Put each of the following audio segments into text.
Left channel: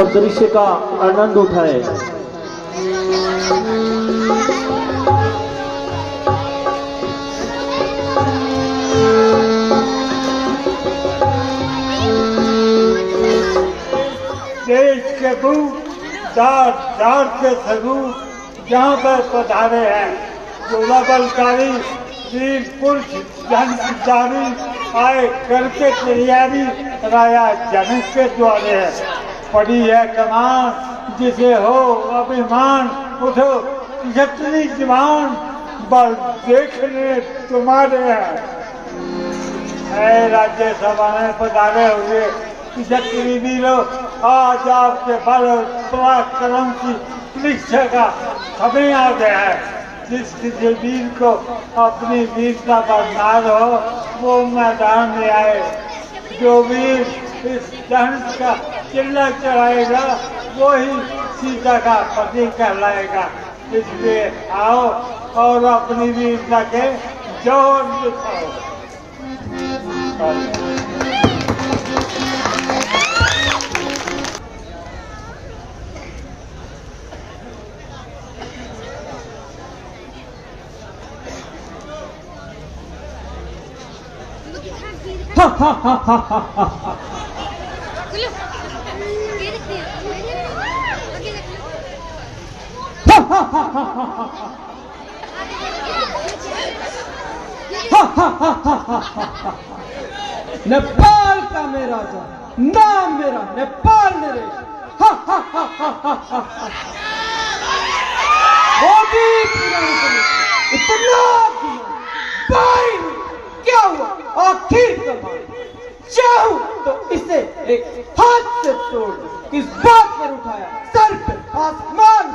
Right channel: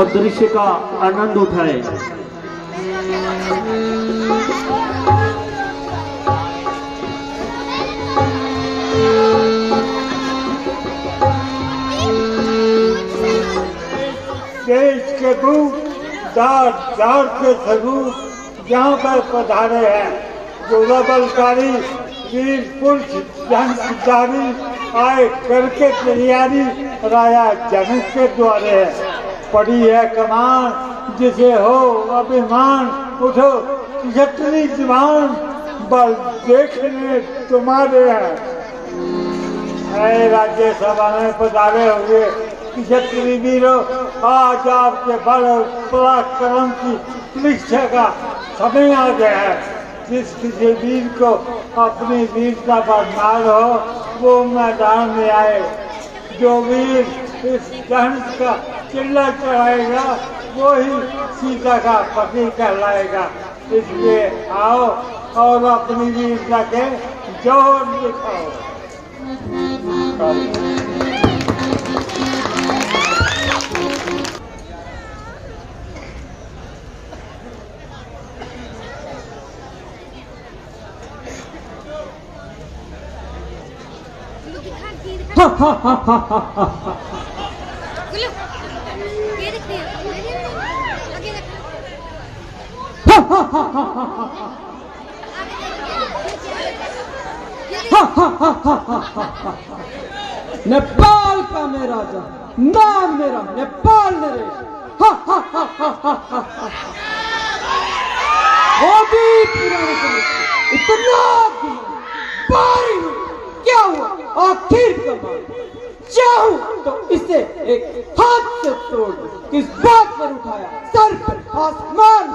और दृश्य का आनंद उठाए। देश के दूत जाट जाट के स्वरूप जहाँ पर पधारे हैं, जोला बलकारी वीर पुरुष जन जारी आए करके तैयारी राया जनक के द्वारे है। पड़ी है कमान जिसे हो अभिमान, उठो छतरी जवान बल देखने तुम्हारे हैं। राज्यसभा में पधारे हुए छतरी वीरों, आज आपके बल पराक्रम की परीक्षा का समय आ गया है। जिस किसी वीर को अपनी वीरता पर नाज हो वो मैदान में आए। जो वीर इस धनुष का चिल्ला चढ़ाएगा वो ही सीता का पति कहलाएगा। इसलिए आओ और अपनी वीरता के जोर दिखाओ। नेपाल का मेरा राजा, नाम मेरा नेपाल नरेश। इतना क्या हुआ आखिर कमाल, चाहूं तो इसे एक हाथ से तोड़ दो। किस बात पर उठाया सर पर आसमान।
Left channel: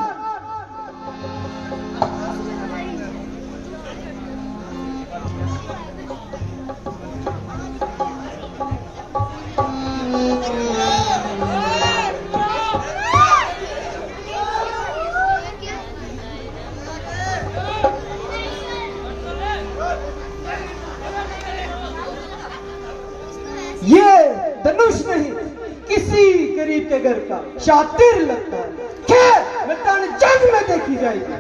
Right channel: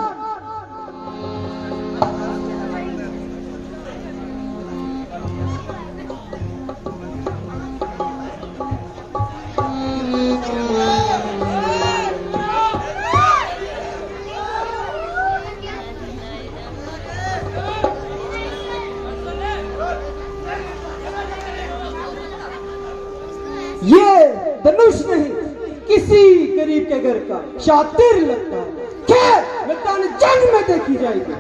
ये धनुष नहीं किसी गरीब के घर का शातिर लगता है। क्या मैदान जंग में देखी जाएगी।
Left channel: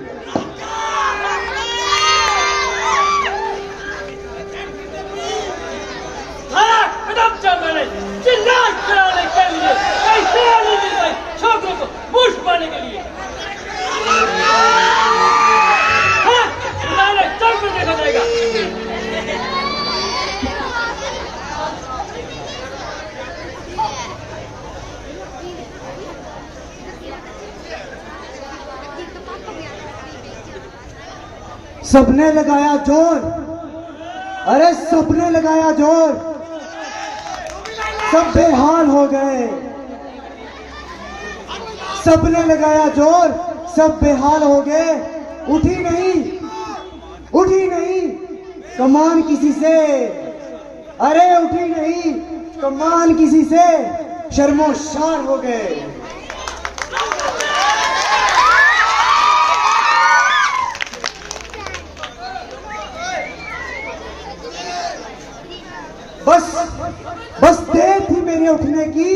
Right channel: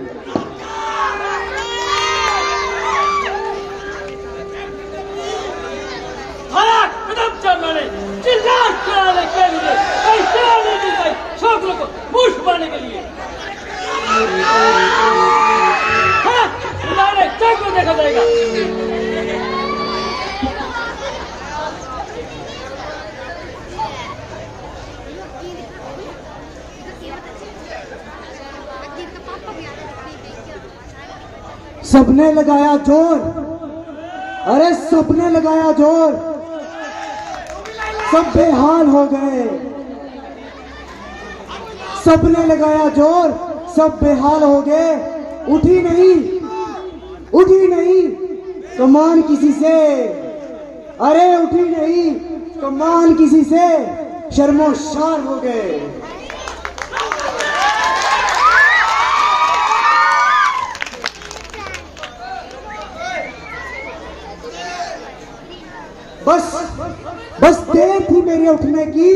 चिल्ला चलाने के लिए छोकरों को मूछ पाने के लिए डायरेक्ट चौक में देखा जाएगा। सबने लगाया जोर, अरे सबने लगाया जोर, सब बेहाल हो गए। सबने लगाया जोर, सब बेहाल हो गए। उठी नहीं कमान किसी से, अरे उठी नहीं कमान किसी से, शर्मोशार हो गए। बस देर थी मेरे उठने की,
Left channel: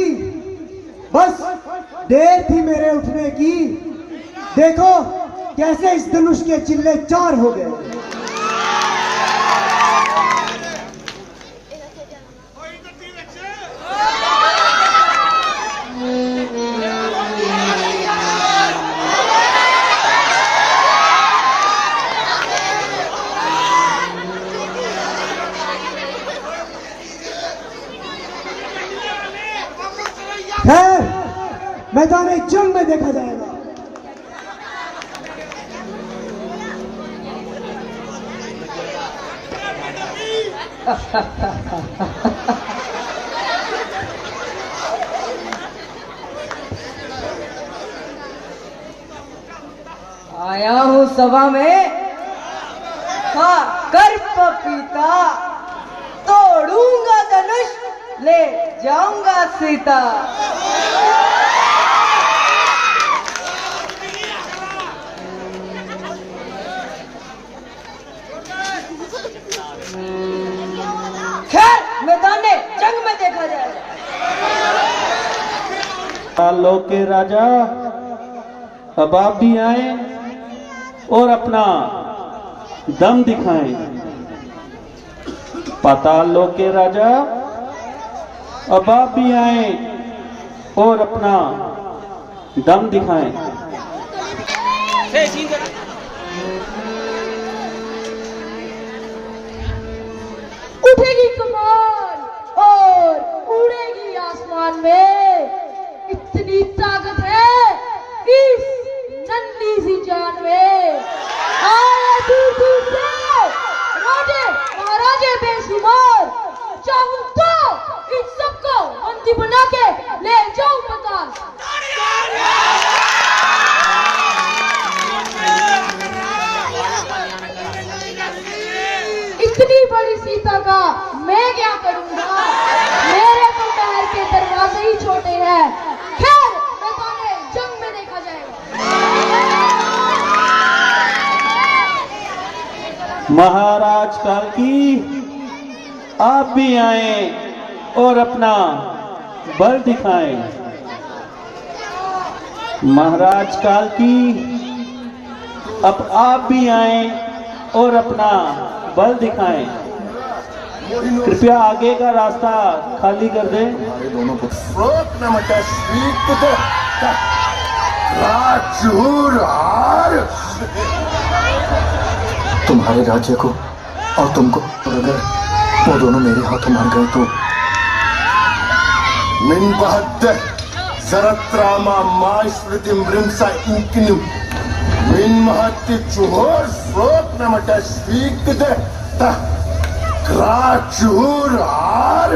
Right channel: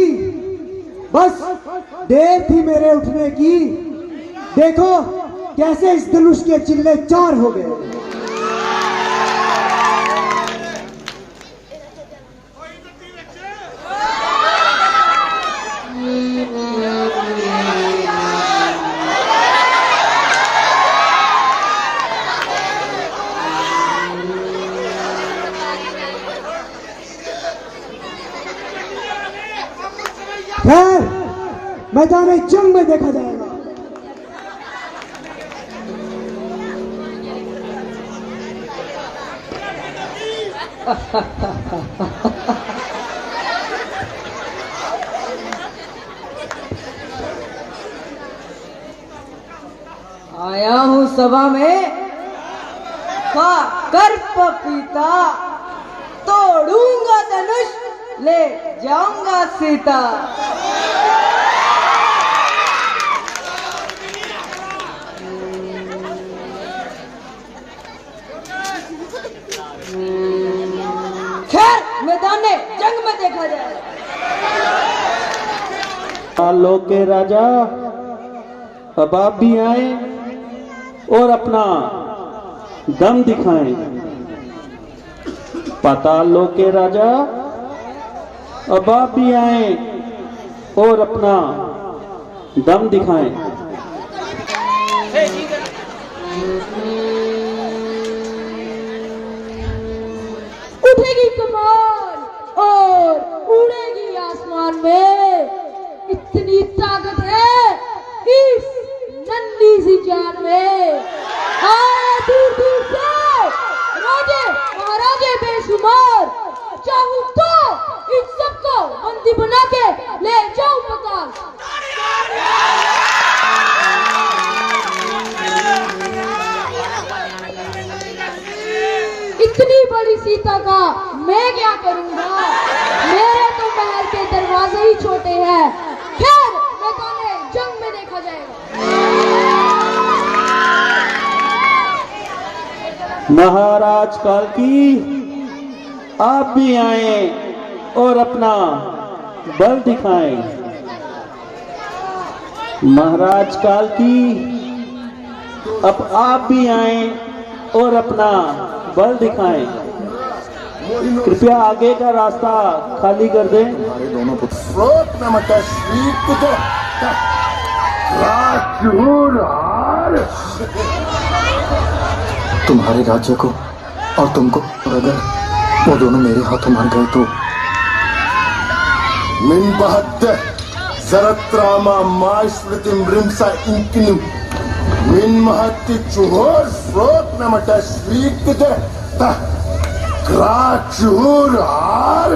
बस देर थी मेरे उठने की। देखो कैसे इस धनुष के चिल्ले चार हो गए। खैर मैदान जंग में देखा जाएगा। आया हूँ सभा में कर पपीता, तोड़ूंगा धनुष, ले जाऊंगा सीता। खैर मैदान जंग में देखा जाए। लोग के राजा, अब आप भी आए और अपना दम दिखाएं। पाताल लोक के राजा, अब आप भी आए और अपना दम दिखाएं। उठेगी कमान और उड़ेगी आसमान में, इतनी ताकत है इस नन्ही सी जान में। दूर दूर से राजे महाराजे बेशुमार, चाहूं तो इन सबको बंदी बना के ले जाऊं पाताल। इतनी बड़ी सीता का मैं क्या करूंगा, मेरे तो महल के दरवाजे ही छोटे हैं। खैर मैदान जंग में देखा जाएगा। महाराज काल की, आप भी आए और अपना बल दिखाएं। महाराज काल की, अब आप भी आए और अपना बल दिखाएं। कृपया आगे का रास्ता खाली कर दें। तुम्हारे राज्य को और तुमको अगर वो दोनों मेरे हाथों मर गए तो min bahadde zaratrama maislitim rimsa inkinu min mahatti chuhor sop namata svikte ta krachuhur har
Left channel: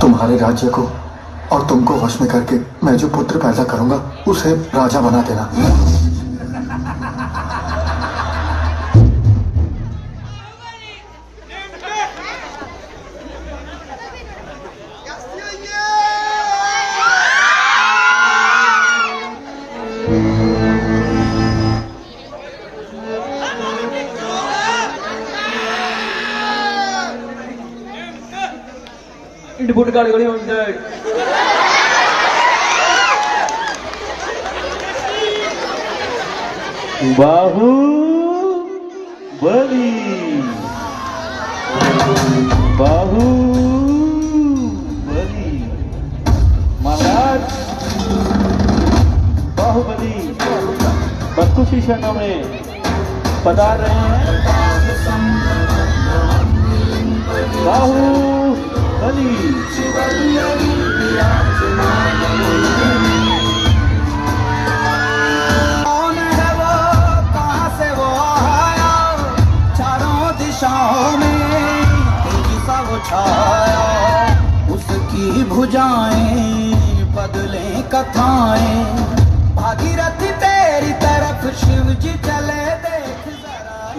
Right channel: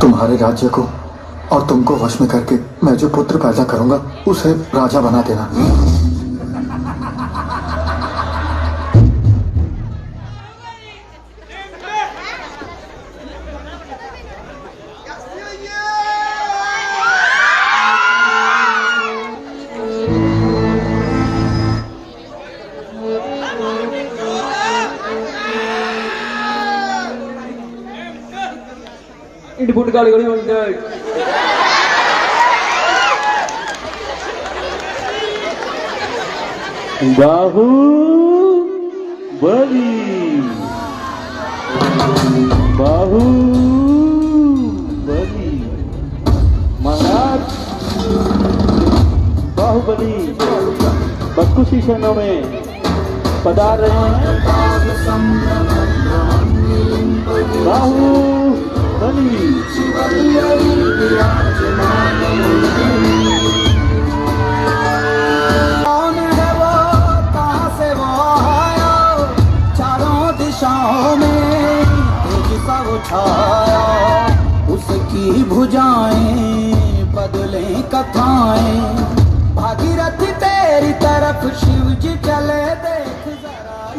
तुम्हारे राज्य को और तुमको वश में करके मैं जो पुत्र पैदा करूंगा उसे राजा बना देना। इट गाड़ी गाड़ी हो जाए। बाहु बली, बाहु बली। महाराज बाहुबली 32 क्षणों में पधार रहे हैं। बाहुबली उसकी भुजाएं बदले कथाएं, भागीरथ तेरी तरफ शिव जी चले देख।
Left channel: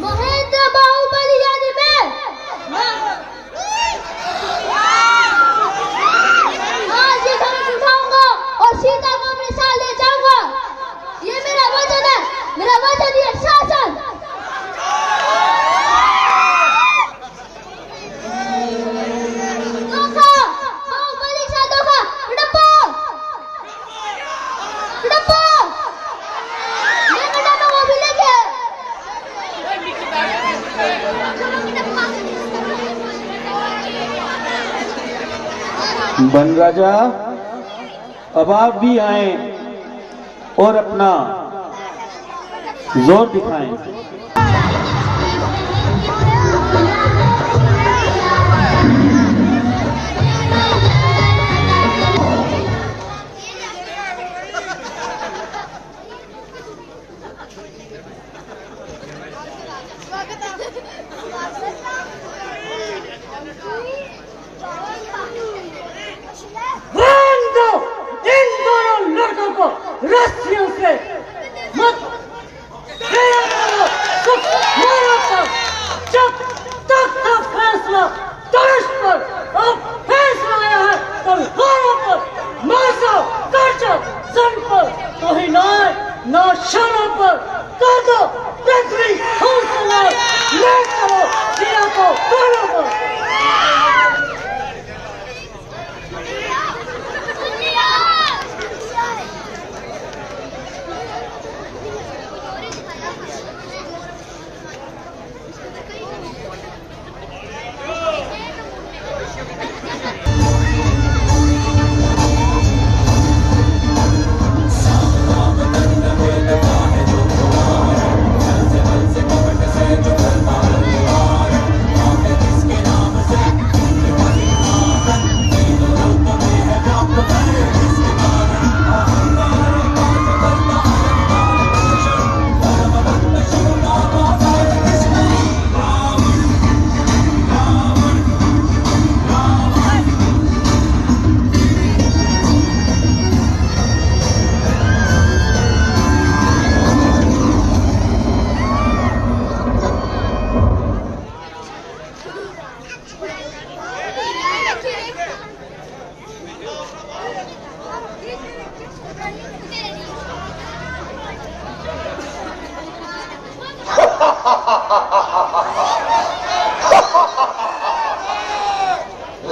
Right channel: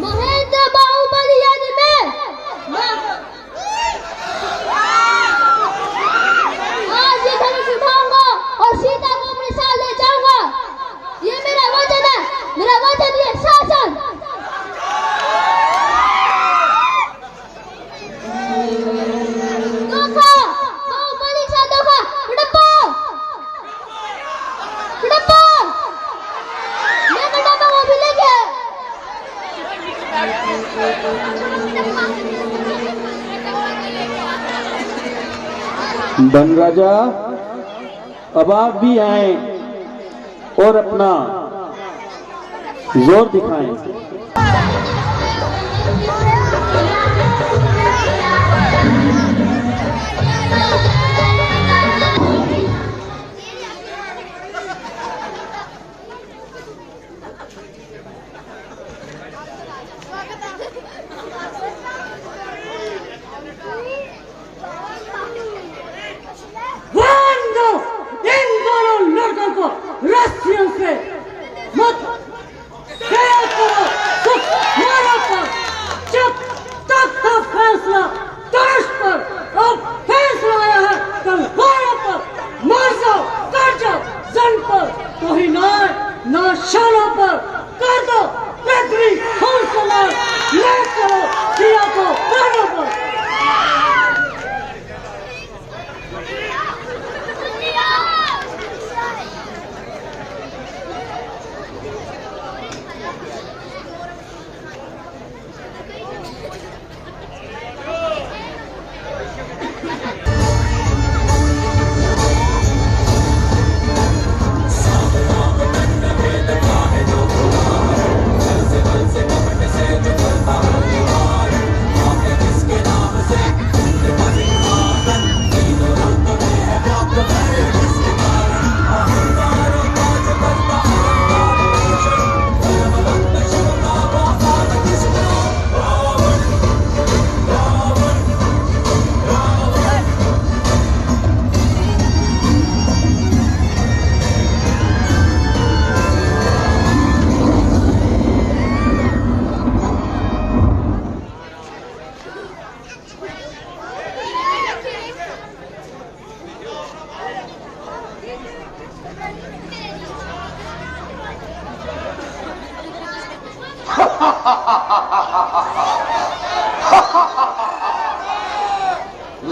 महेंद्र बाहुबली यानी मैं आज ही धनुष उठाऊंगा और सीता को अपने साथ ले जाऊंगा। ये मेरा वचन है, मेरा वचन, ये शासन। बन राजा, अब आप भी आए और अपना जोर दिखाएं। इन दोनों लड़कों को रस्सियों से मत जब तक का फैसला धनुष पर और फैसला आया है तलवारों पर, मारो काटो जन पर, तो ही ना शानों पर कर दो पृथ्वी हौसला ले चलो सिया को प्राणों पर।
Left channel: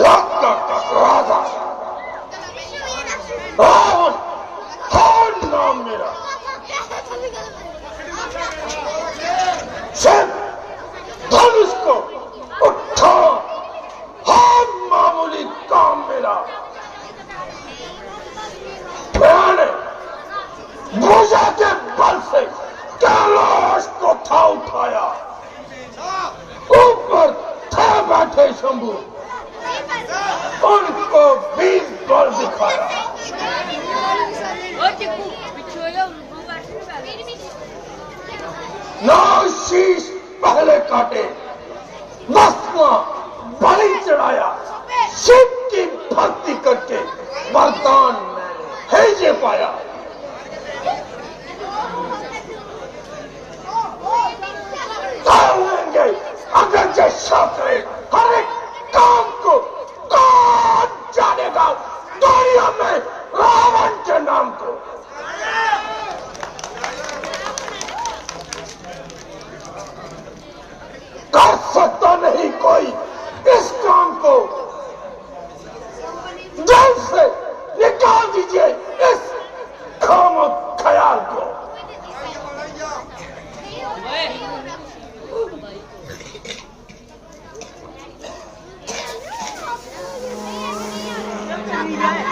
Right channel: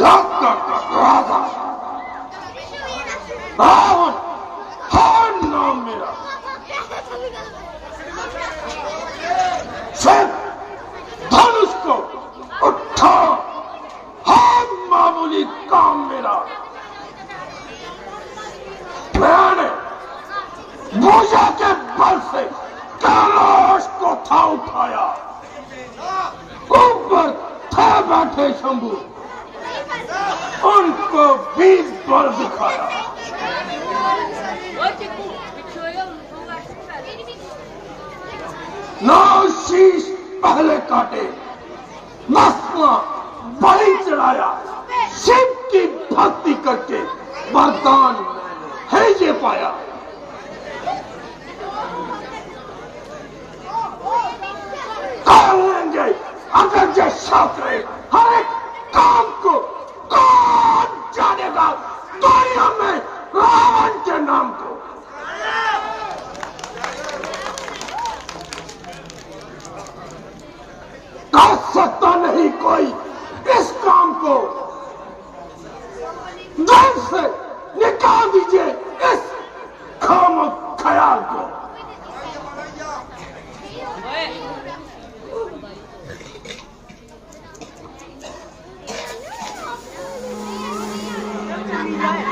लंका का राजा रावण कौन नाम मेरा सिर्फ धनुष को उठा हम मामूली काम मेरा मैंने भुजा के बल से कैलाश को था उठाया ऊपर थे बैठे शंभू उनको 20 बल दिखाया नौ शीश पहले काटे 10वां बलि चढ़ाया शिव की भक्ति करके वरदान है ये पाया कर लेंगे अगर के शास्त्रे हर एक काम को कौन जानेगा दुनिया में रावण के नाम को कर सकता नहीं कोई इस काम को दिल से निकाल दीजिए इस खामो ख्याल को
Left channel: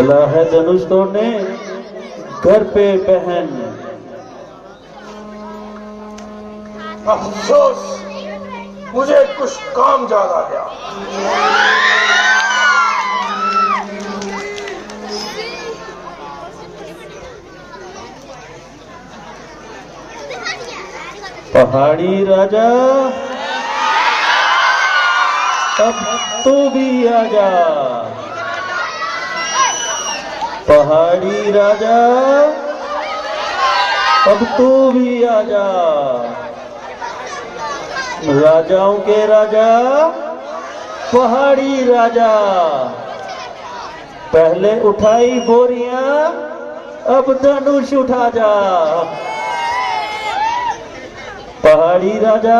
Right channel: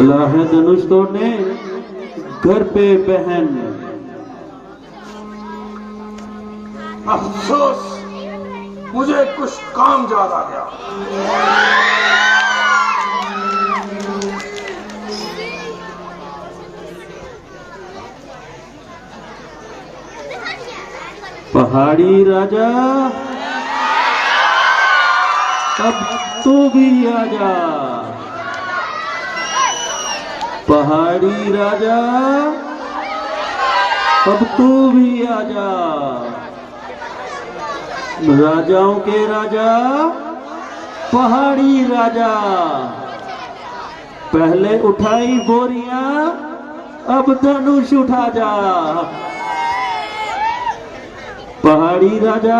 अल्लाह है धनुष तोड़ने घर पे बहन अफसोस मुझे कुछ काम ज्यादा गया पहाड़ी राजा अब तू भी आजा पहाड़ी राजा अब तू भी आजा राजाओं के राजा पहाड़ी राजा पहले उठाई बोरियां अब धनुष उठा जा पहाड़ी राजा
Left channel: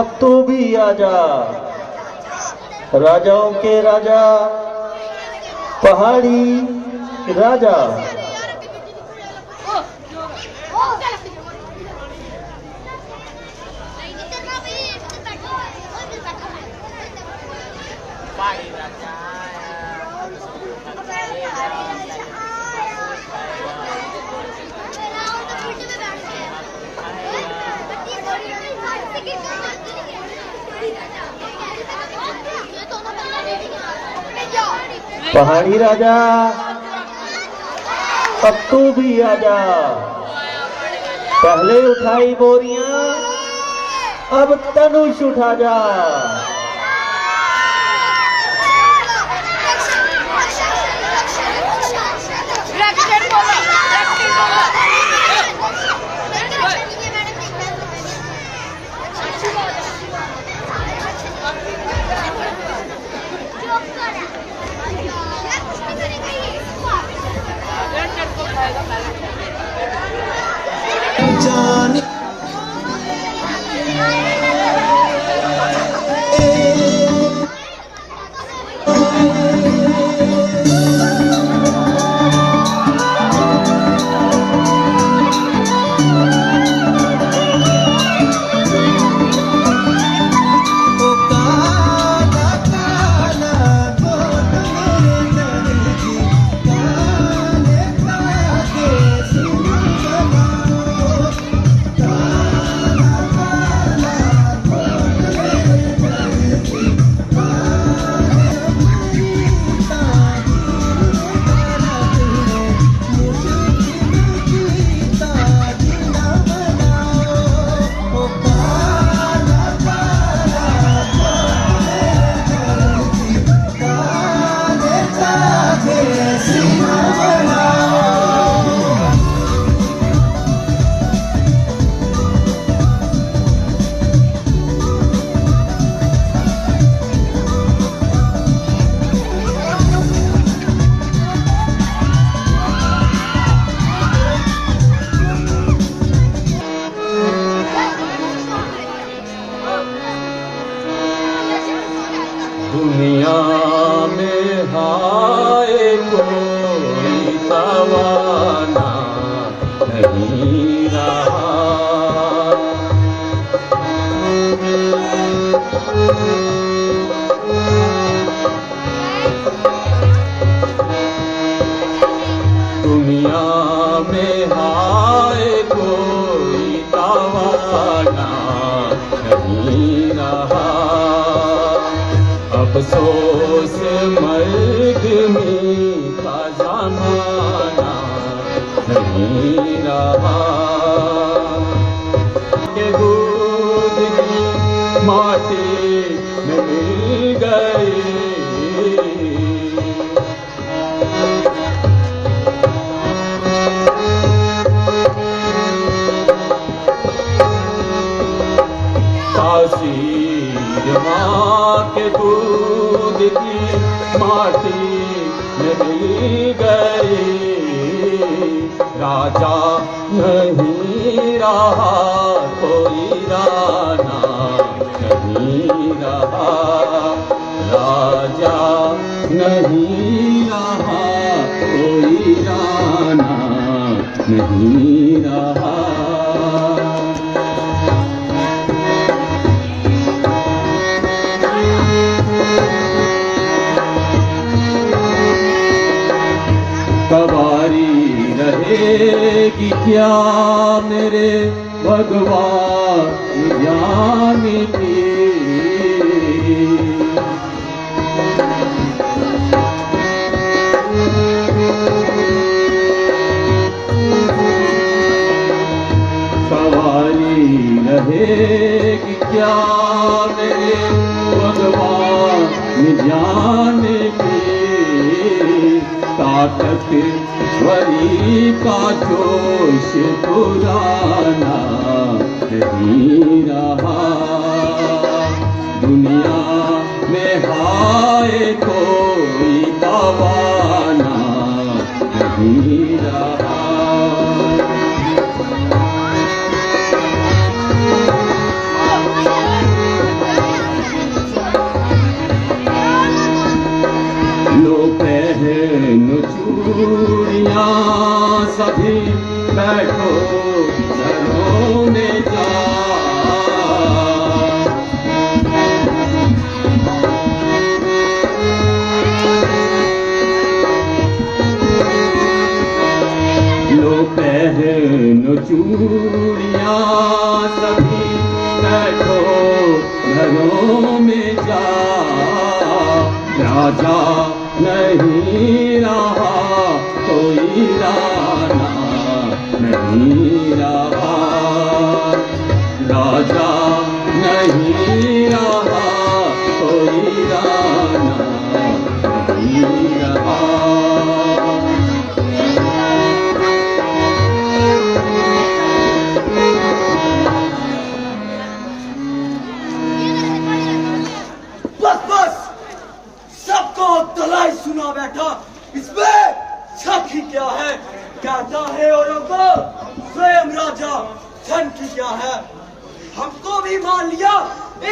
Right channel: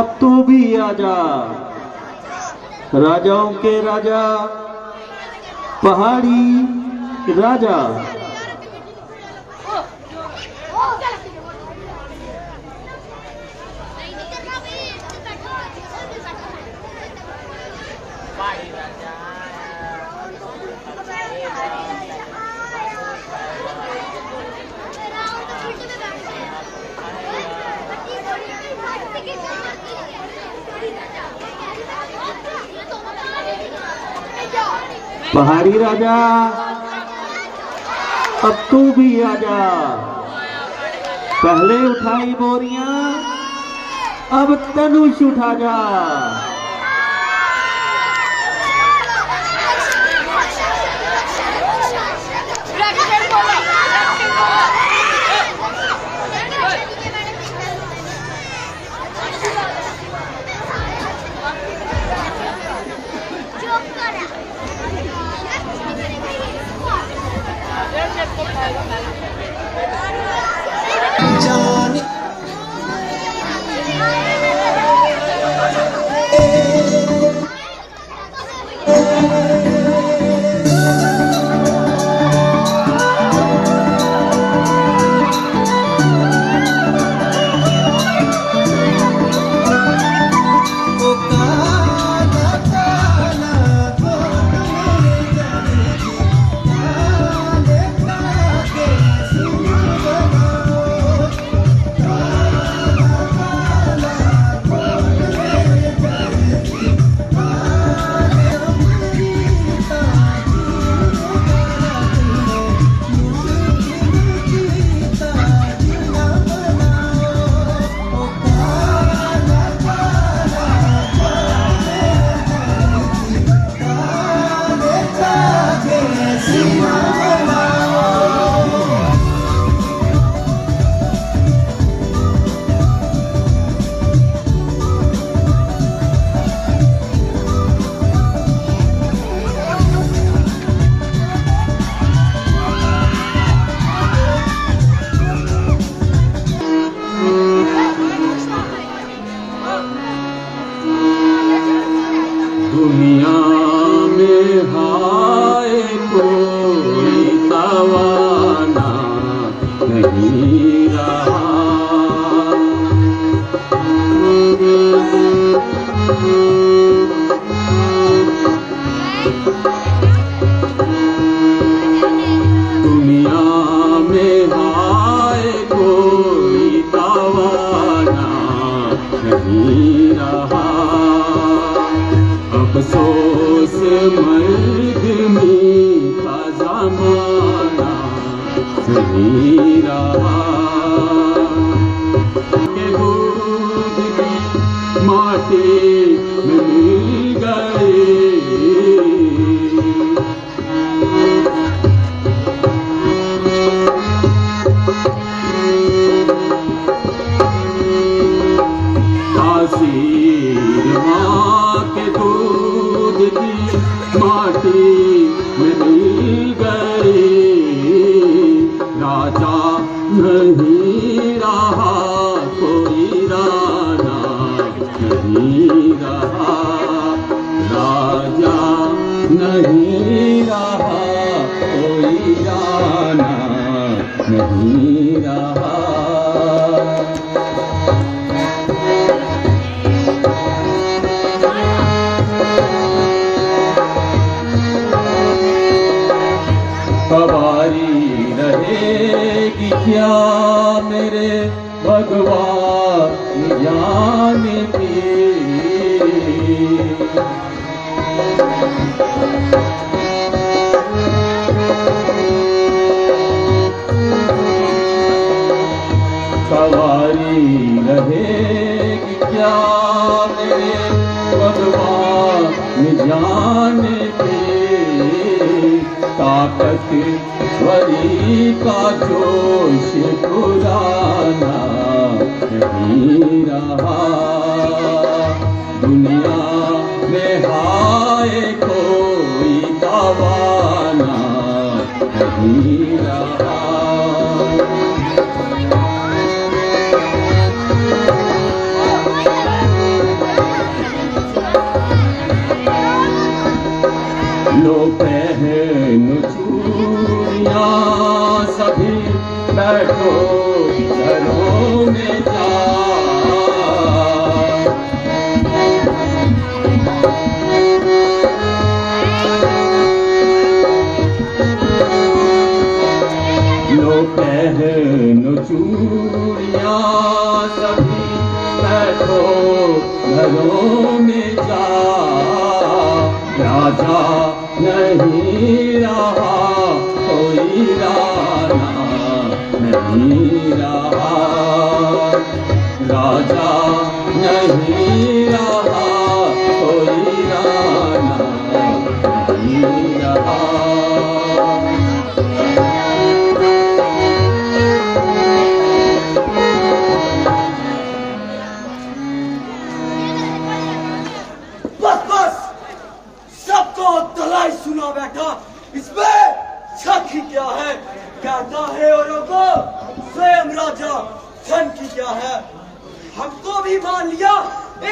अब तू भी आजा राजाओं के राजा पहाड़ी राजा पहाड़ी राजा अब तू भी आजा पहले उठाई बोरियां अब धनुष उठा जा ए दुनिया में हाय कोई तवाना नहीं रहा। दुनिया में हाय कोई तवाना नहीं रहा। अफसोस मर्द मीठा ज़माना नहीं रहा। दूध की माटी में मिल गए। तासीर माँ के दूध की माटी में मिल गए। राजा नहीं रहा कोई राना नहीं रहा। राजा नहीं रहा कोई राना नहीं रहा। सवारी रहेगी क्या मेरे भगवान जान की। सवारी रहेगी क्या मेरे भगवान जान की। ताकत भरी का जोश पुराना नहीं रहा। दुनिया में हाय कोई तवाना नहीं रहा। लो पहनो चूड़ियां सभी बैठो घरों में जा। लो पहनो चूड़ियां सभी बैठो घरों में जा। राजा नहीं रहा कोई राना नहीं रहा। राजा नहीं रहा कोई राना नहीं रहा। बस बस सबको दलाई सुना बैठा। इसमें शक ही क्या है। कहता है औरों को स्वयं राजा धन की क्या है। हमको भी मान लिया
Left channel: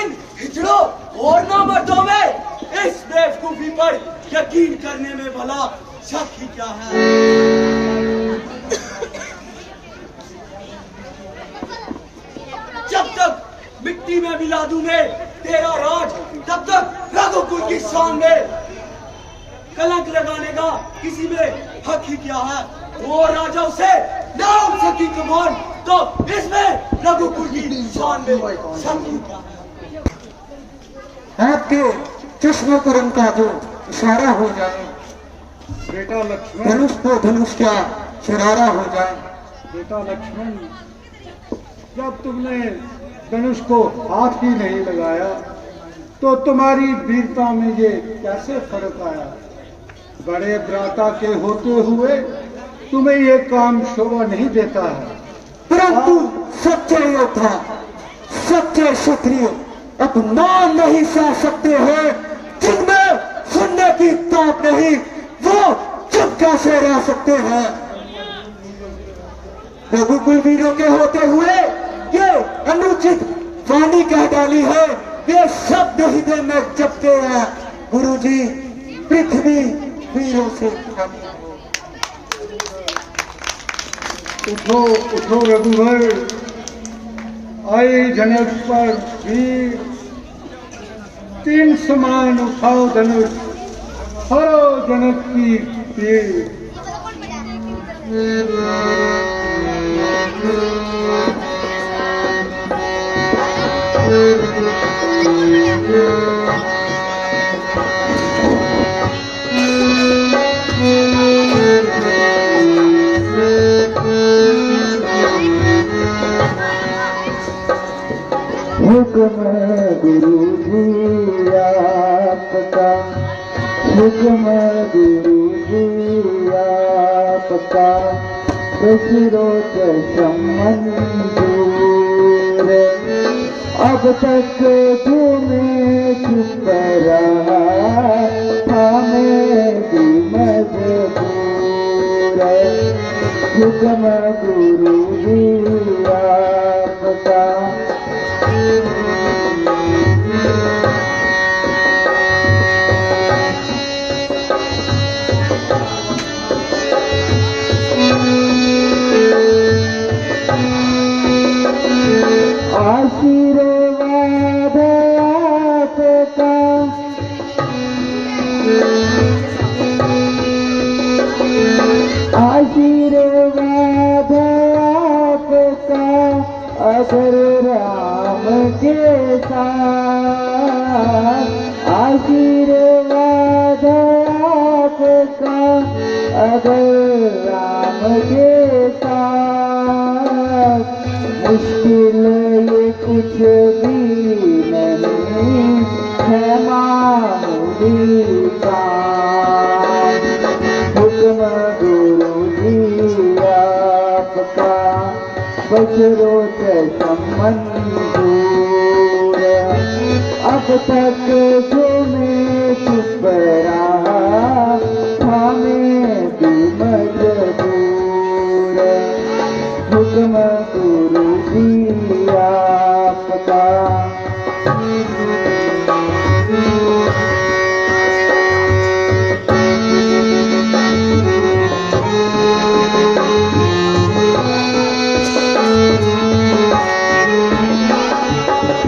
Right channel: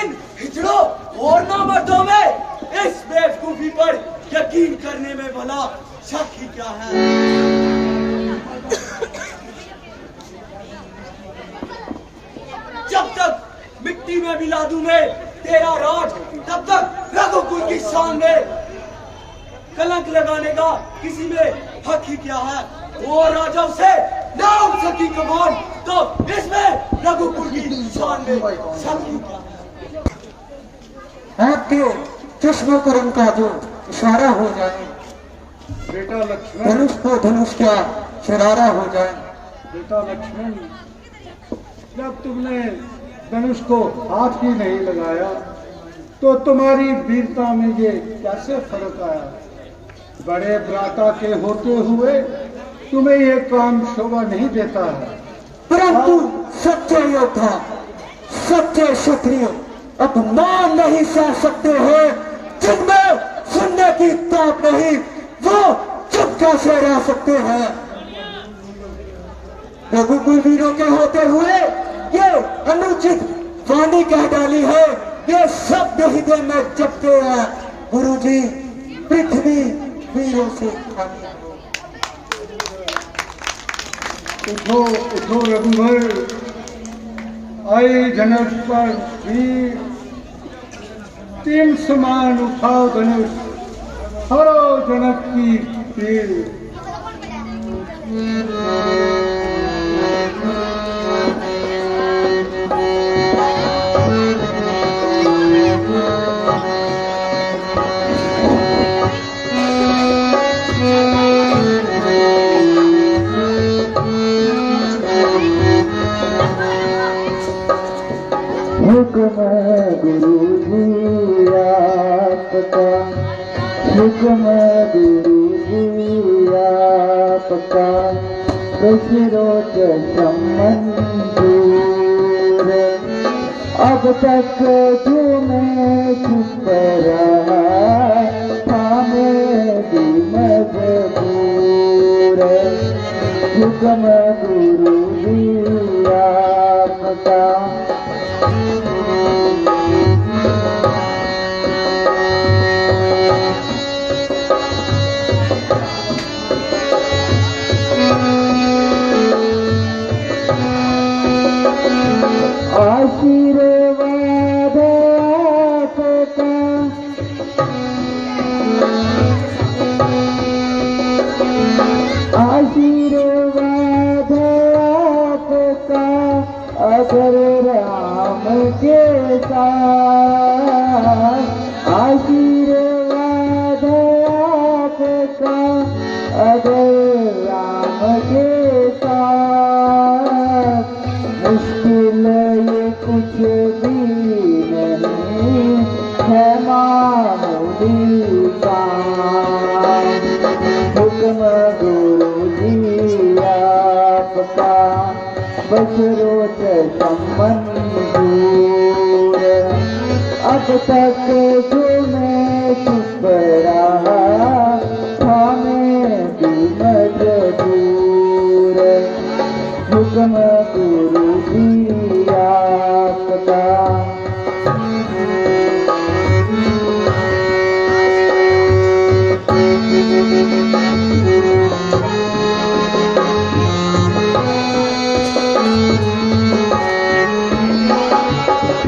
इन हिजड़ों और नामर्दों में। इस बेवकूफी पर यकीन करने में भला शक ही क्या है। जब तक मिट्टी में मिला दूं मैं तेरा राज तब तक रघुकुल की शान में कलंक लगाने का किसी में हक ही क्या है। वो राजा उसे ना उठ सकी कमान तो इसमें रघुकुल की शान में शक ही क्या है। आपके चश्मों पर उनका जो इशारा हो जाए। बेटा लक्ष्मण, धनुष को धनुष का शरारा हो जाए। बेटा लक्ष्मण, जब तुमने धनुष को हाथ ही नहीं लगाया तो तुम्हारी वीरता में ये कैसे फर्क आया। बड़े भ्राता के होते हुए तुम्हें ये काम शोभा नहीं देता है। परंतु सच्चे योद्धा सच्चे क्षत्रिय अपमान नहीं सह सकते हैं। जिनमें सुनने की ताप नहीं वो चुप कैसे रह सकते हैं। रघुकुल वीरों के होते हुए ये अनुचित वाणी कह डाली है। ये शब्द हृदय में जपते हैं। गुरु जी पृथ्वी वीरों से खाली हो। उठो उठो रघुवर, आए जनक पर वीर, तीन समान उठाओ धनुष, हरो जनक की पीर। हुक्म गुरु जी आपका, हुक्म गुरु जी आपका, दशरथ मंजूर। अब तक जो मैं चुप रहा था मैं भी मजबूर। हुक्म गुरु जी आपका। आशीर्वाद आपका, आशीर्वाद आपका, अगर राम के साथ, आशीर्वाद आपका, अगर राम के साथ। मुश्किल ये कुछ भी नहीं है मामूली काम। हुक्म गुरु जी आपका, बशरोत मंजूर। अब तक जो मैं चुप रहा था मैं भी मजबूर। हुक्म गुरु जी आपका।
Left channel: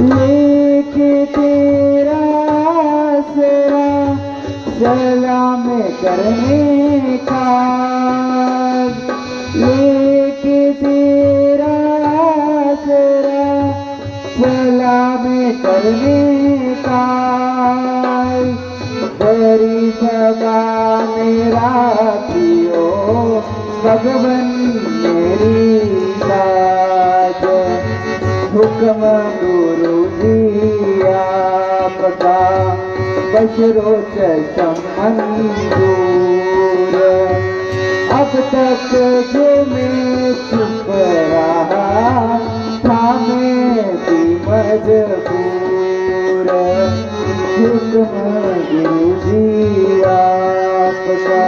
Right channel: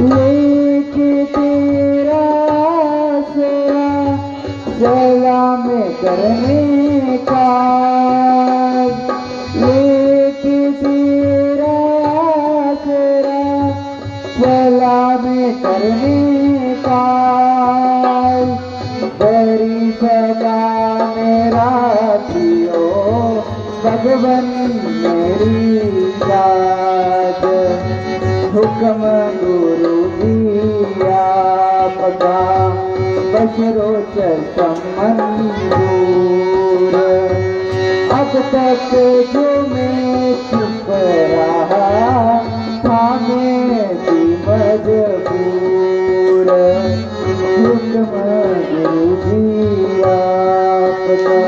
लेके तेरा आसरा सलाम करने का, लेके तेरा आसरा सलाम करने का। बड़ी सभा मेरा पियो भगवन मेरी लाज। हुक्म गुरु जी आपका, बशरोत मंजूर। अब तक जो मैं चुप रहा था मैं भी मजबूर। हुक्म गुरु जी आपका।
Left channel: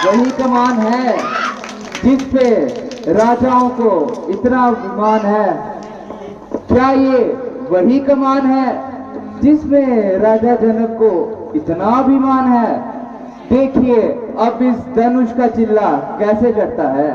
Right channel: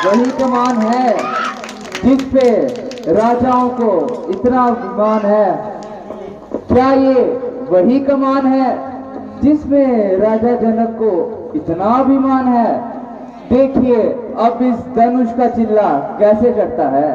वही कमान है जिस पे राजाओं को इतना अभिमान है। क्या ये वही कमान है जिसमें राजा जनक को इतना अभिमान है? देखिए अब इस धनुष का चिल्ला कैसे करता है।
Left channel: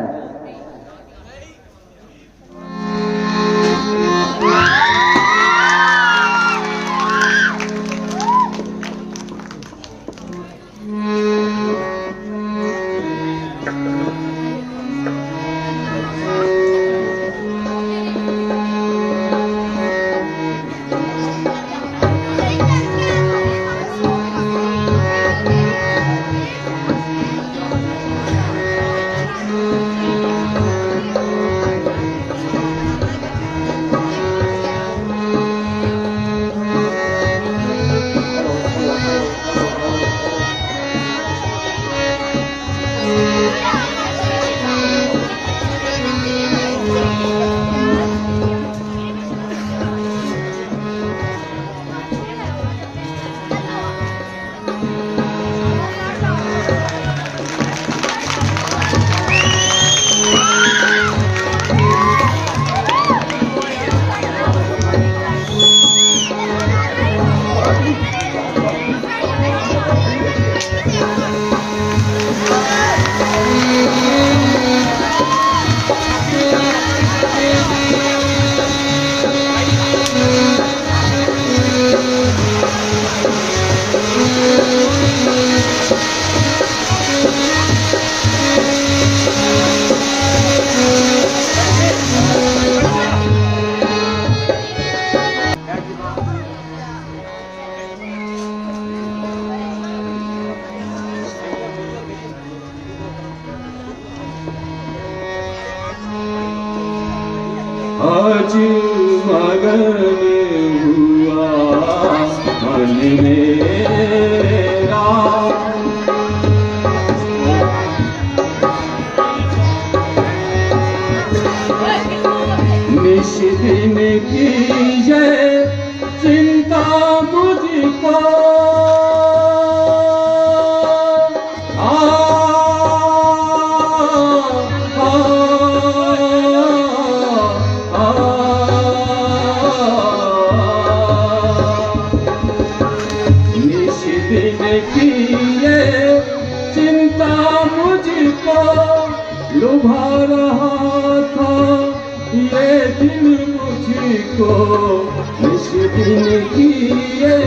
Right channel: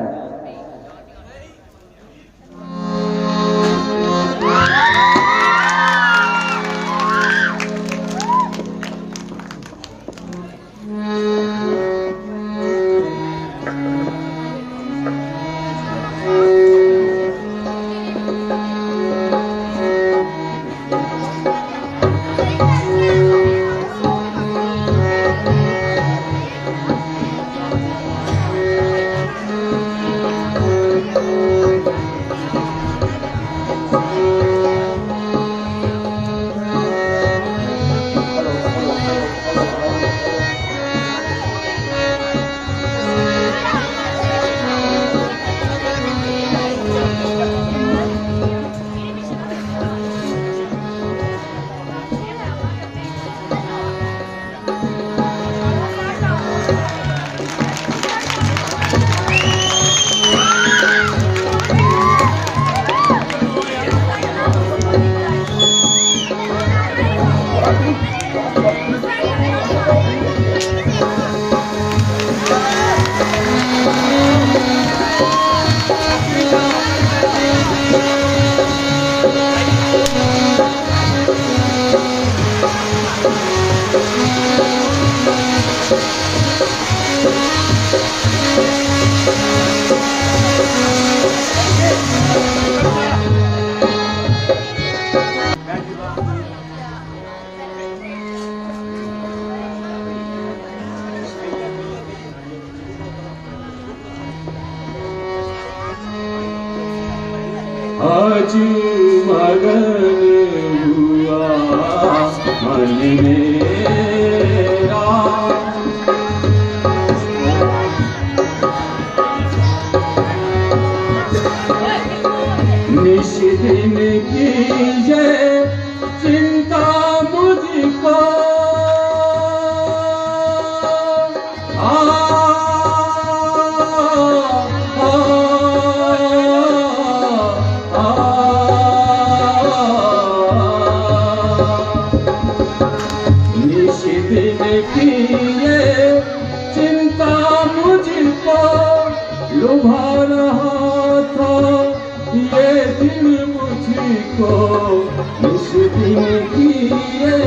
आज मगन हुआ मन मेरा। निश दिन कीजे चिंता मुझको, लुभा रहा था ये दिन मुझको। इस दिन की ये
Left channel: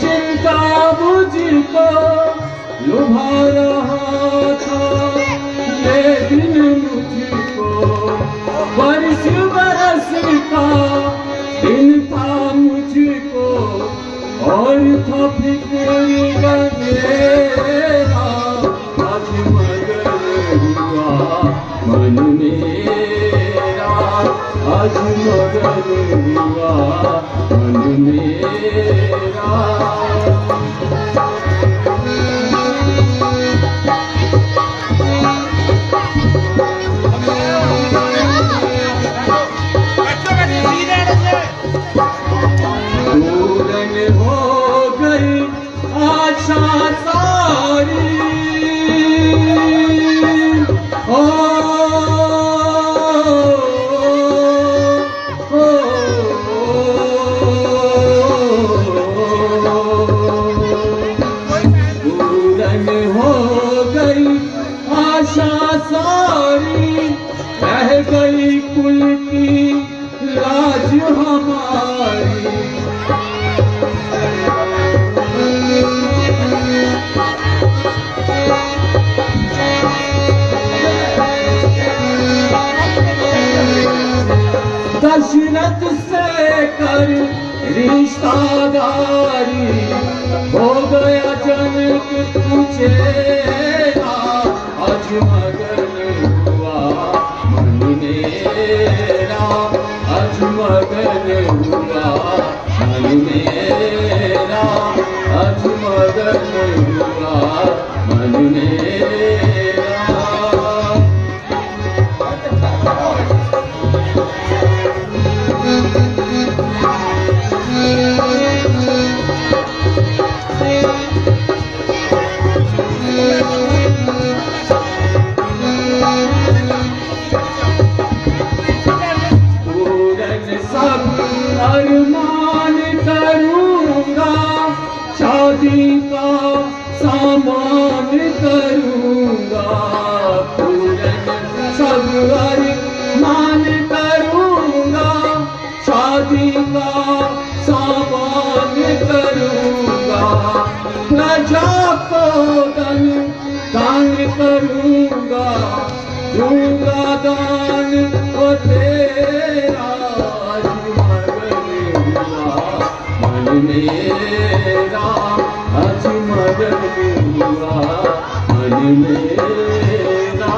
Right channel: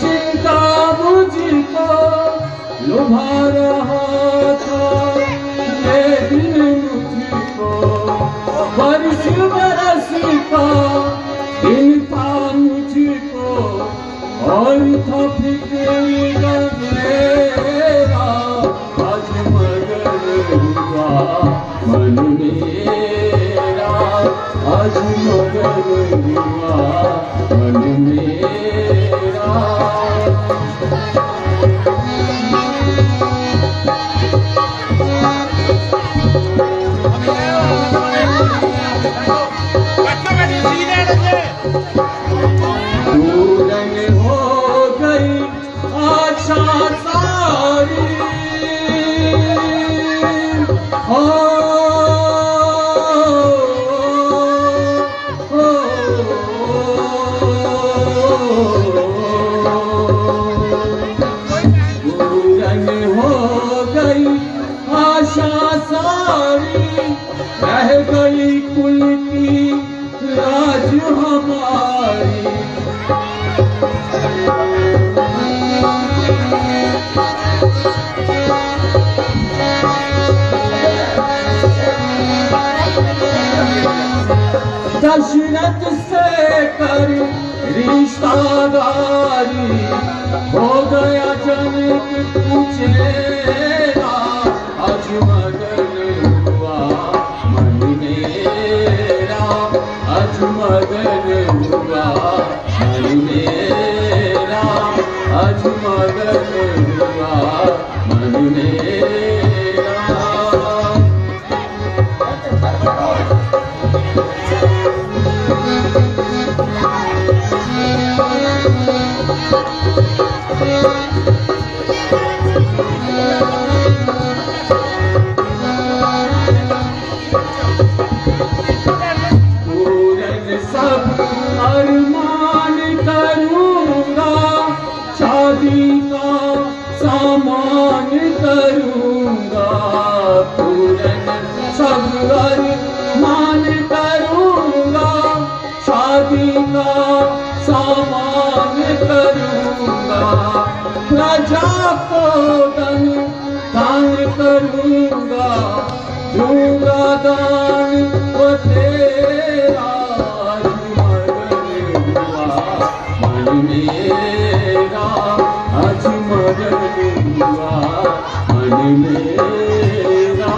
चिंता मुझको लुभा रहा था ये दिन मुझको। बरस बरस का दिन था मुझको और था फिक्र का मेरा। आज मगन हुआ मन मेरा, आज मगन हुआ मन मेरा। पूरन हो गई आशा सारी, पूरन हो गई आशा सारी, रह गई कुल की लाज हमारी। दशरथ से कर रिश्तादारी, हो गया जनक तुझेरा। आज मगन हुआ मन मेरा, आज मगन हुआ मन मेरा, आज मगन हुआ मन मेरा। पूरन सब अरमान करूंगा, शादी का सामान करूंगा। पूरन सब अरमान करूंगा, शादी का सामान करूंगा। प्रजा को दान करूंगा, दूंगा दान वो तेरा। आज मगन हुआ मन मेरा, आज मगन हुआ मन मेरा।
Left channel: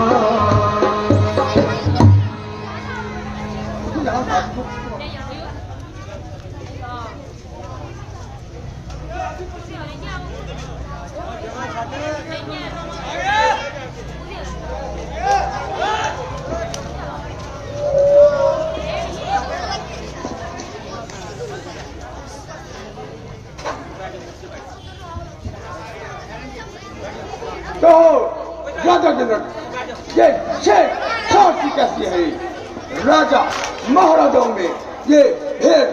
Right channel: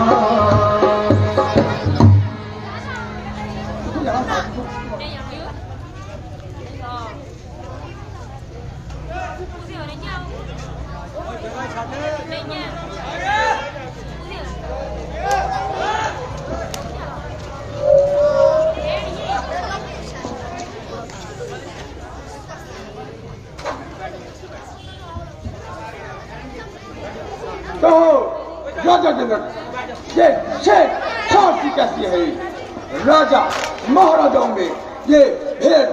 कहो राजा जनक, ये शेर खांसी कैसी है? राजा महाराजाओं में ये भेड़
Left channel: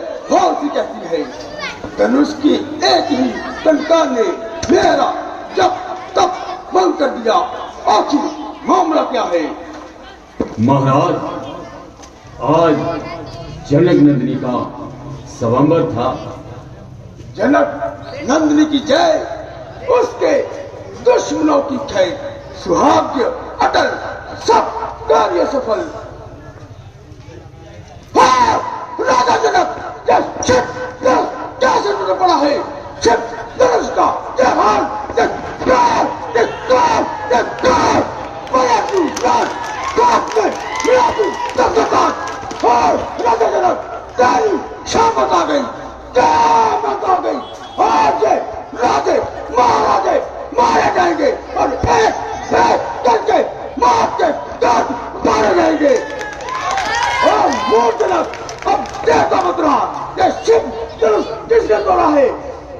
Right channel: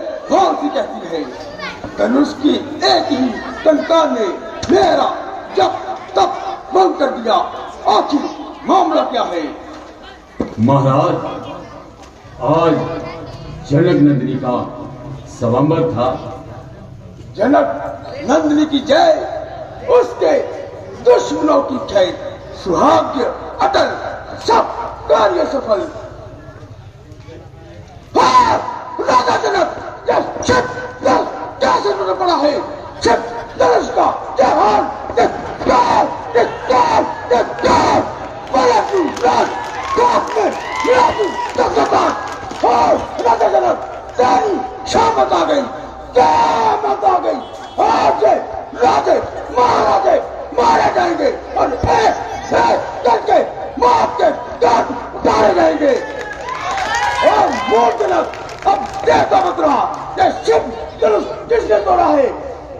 सी कैसी है? धनुष की एक ही टंकार ने मेरा जब तब बंद कर दिया। आखिर मामला क्या है? महाराज, आज जनक नंदिनी का स्वयंवर था। जनक नंदिनी की जय, उसके दुश्मनों की खैर। सुहाग्य अटल, सब कार्य सफल। हाँ, राजा जनक, ये शिव कैसे टूट पड़ा है? शिव धनुष का ये हाल, ये काल, ये काल, ये काल। बड़ा तू राज, काल में मेरा तू तकदार। राजा जनक तेरी शामत आ गई, क़यामत आ गई। आज से राजे महाराजे मारे जाएंगे और एक करके मौत के दर्द उतारे जाएंगे। और मूर्ख जनक अब देखता मत रहा कि शिव धनुष किसने तोड़ा है,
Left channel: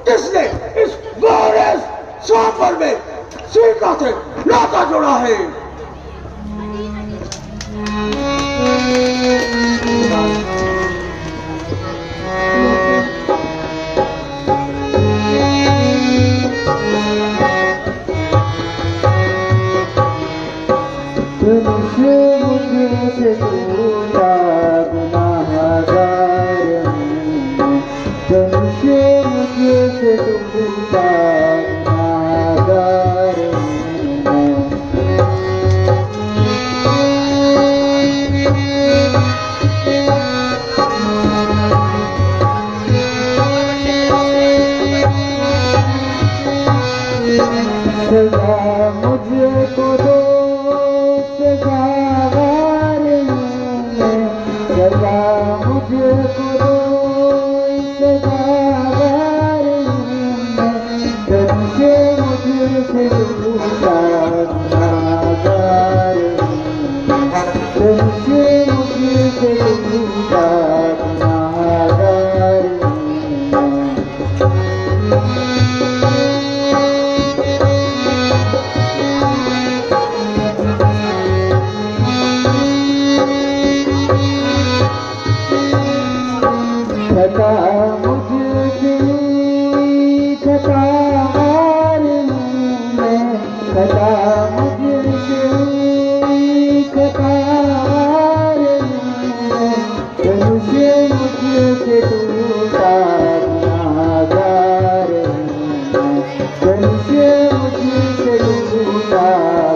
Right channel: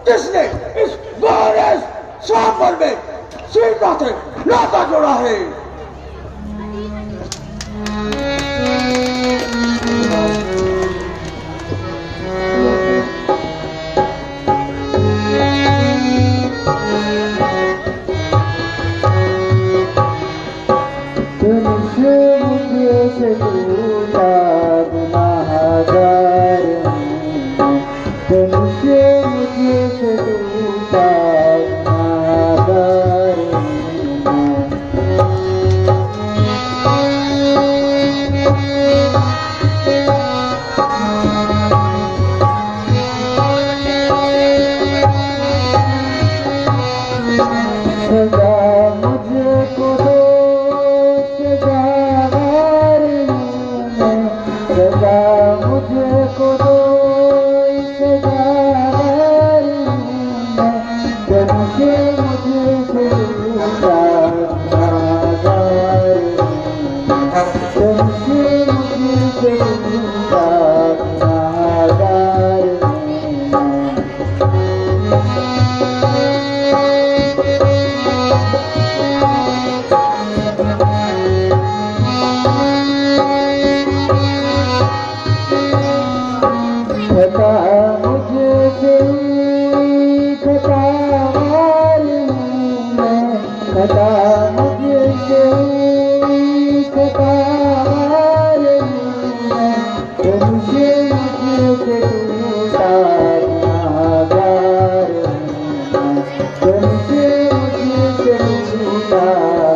किसने इस गोरे स्वयंवर में सीता से नाता जोड़ा है। तुमसे मुझे टूटा गुनाहगार हूँ, तुमसे मुझे टूटा गुनाहगार सजा मुझको दो, सजावार हूँ मैं, सजा मुझको दो, सजावार हूँ मैं, तुमसे मुझसे टूटा गुनाहगार हूँ मैं, तुमसे मुझसे टूटा गुनाहगार हूँ मैं। खता मुझसे हुई खतावार हूँ मैं, खता मुझसे हुई खतावार हूँ मैं, तुमसे मुझसे टूटा गुनाहगार हूँ मैं, तुमसे मुझसे टूटा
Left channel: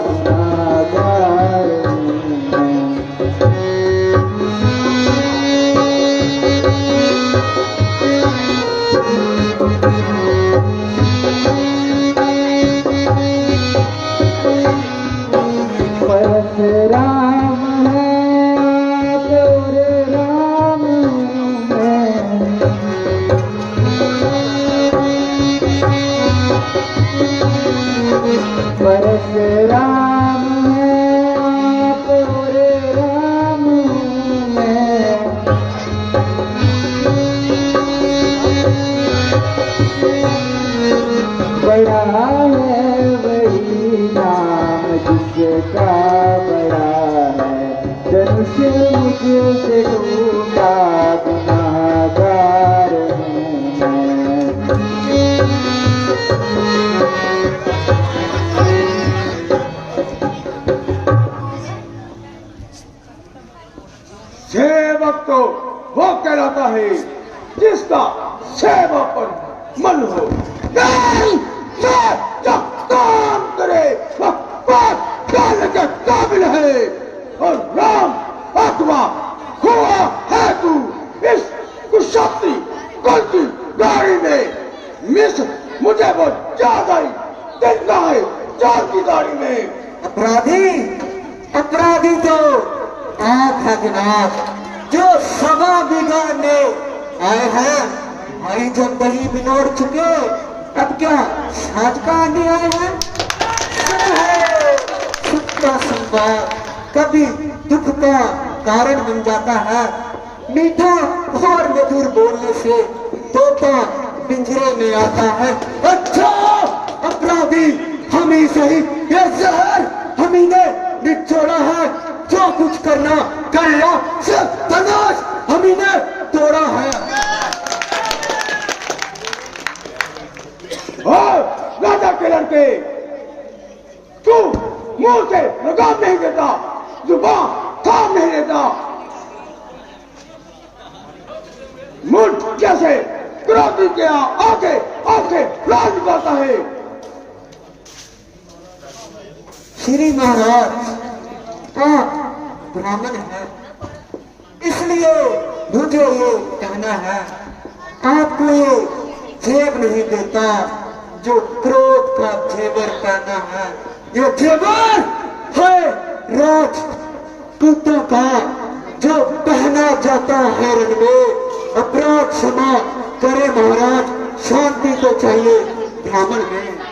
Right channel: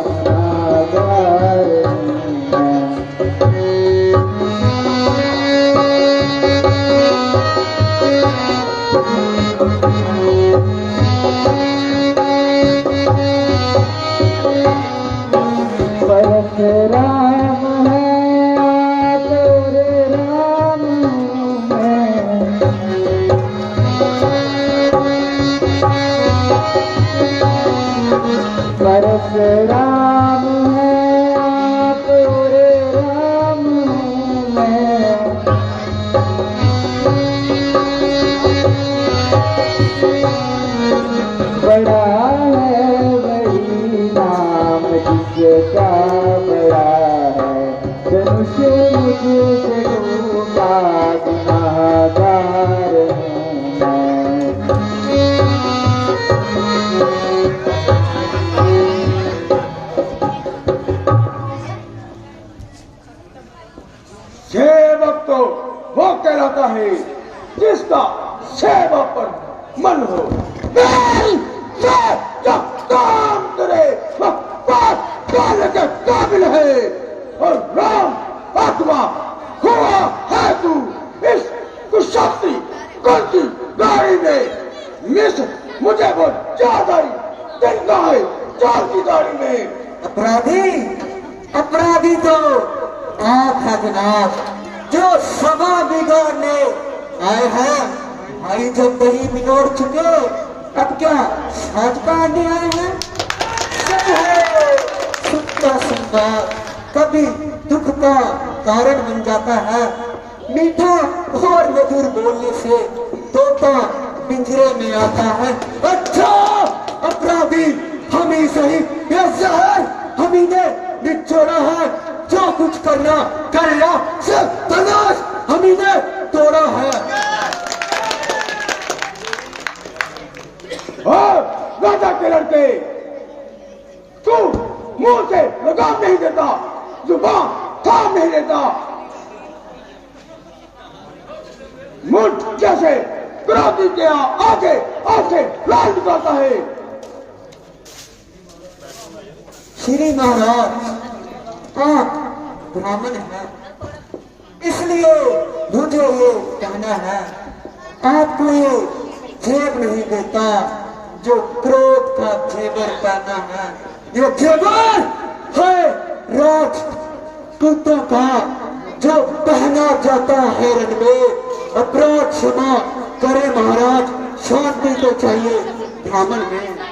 गुनाहगार हूँ मैं। राम है आप और राम है, परशुराम है आप और राम है, बड़ा है वही नाम जिसका बड़ा है, धनुष मुझसे टूटा गुनाहगार हूँ मैं। सेवक तो वो कहलाता है जिसका सेवा पर मन हो, नहीं जो काम करे वह बात डालने के काबिल है। और राम अथवा हुआ है तू इस कुशास्त्री गलती गाड़ी में मिस मुझे वो ज्यादा ही दिलता है चार की गाड़ी में। अपराधी अपराधी तो आप है जनाब, जो सभा बिगाड़ने आए हैं। हमारी जब दही बिनोड़ चुके, अब क्या साज पाने आए हैं। सुख का संवाद कभी दुख का कारण बन जाता है। मीठा और मधुर बोलने से तोता पिंजरे में आता है। अच्छा अपराधी हम ही सही, ये जहर हम ही ने निचोड़ा है। जो कुछ करना कर लिया, सिर्फ तलाश हम ही ने तोड़ा है। राजा के लड़के, तू मुंह से लगाम नहीं देता, जुबान थाम नहीं लेता, मुंह जैसे क्रांति के आगे आके लाल निकालता है। श्री महाराज, आप ब्राह्मण हैं, इसलिए मुझे ये कहना है, आपको ये जेब नहीं देता जो क्रोध का जेवर पहना है। ये जेवर है राजपूतों का जो पहना अपराध जाता है रण में, अपराध क्षमा करे महाराज, शांति तो चाहिए ब्राह्मण में।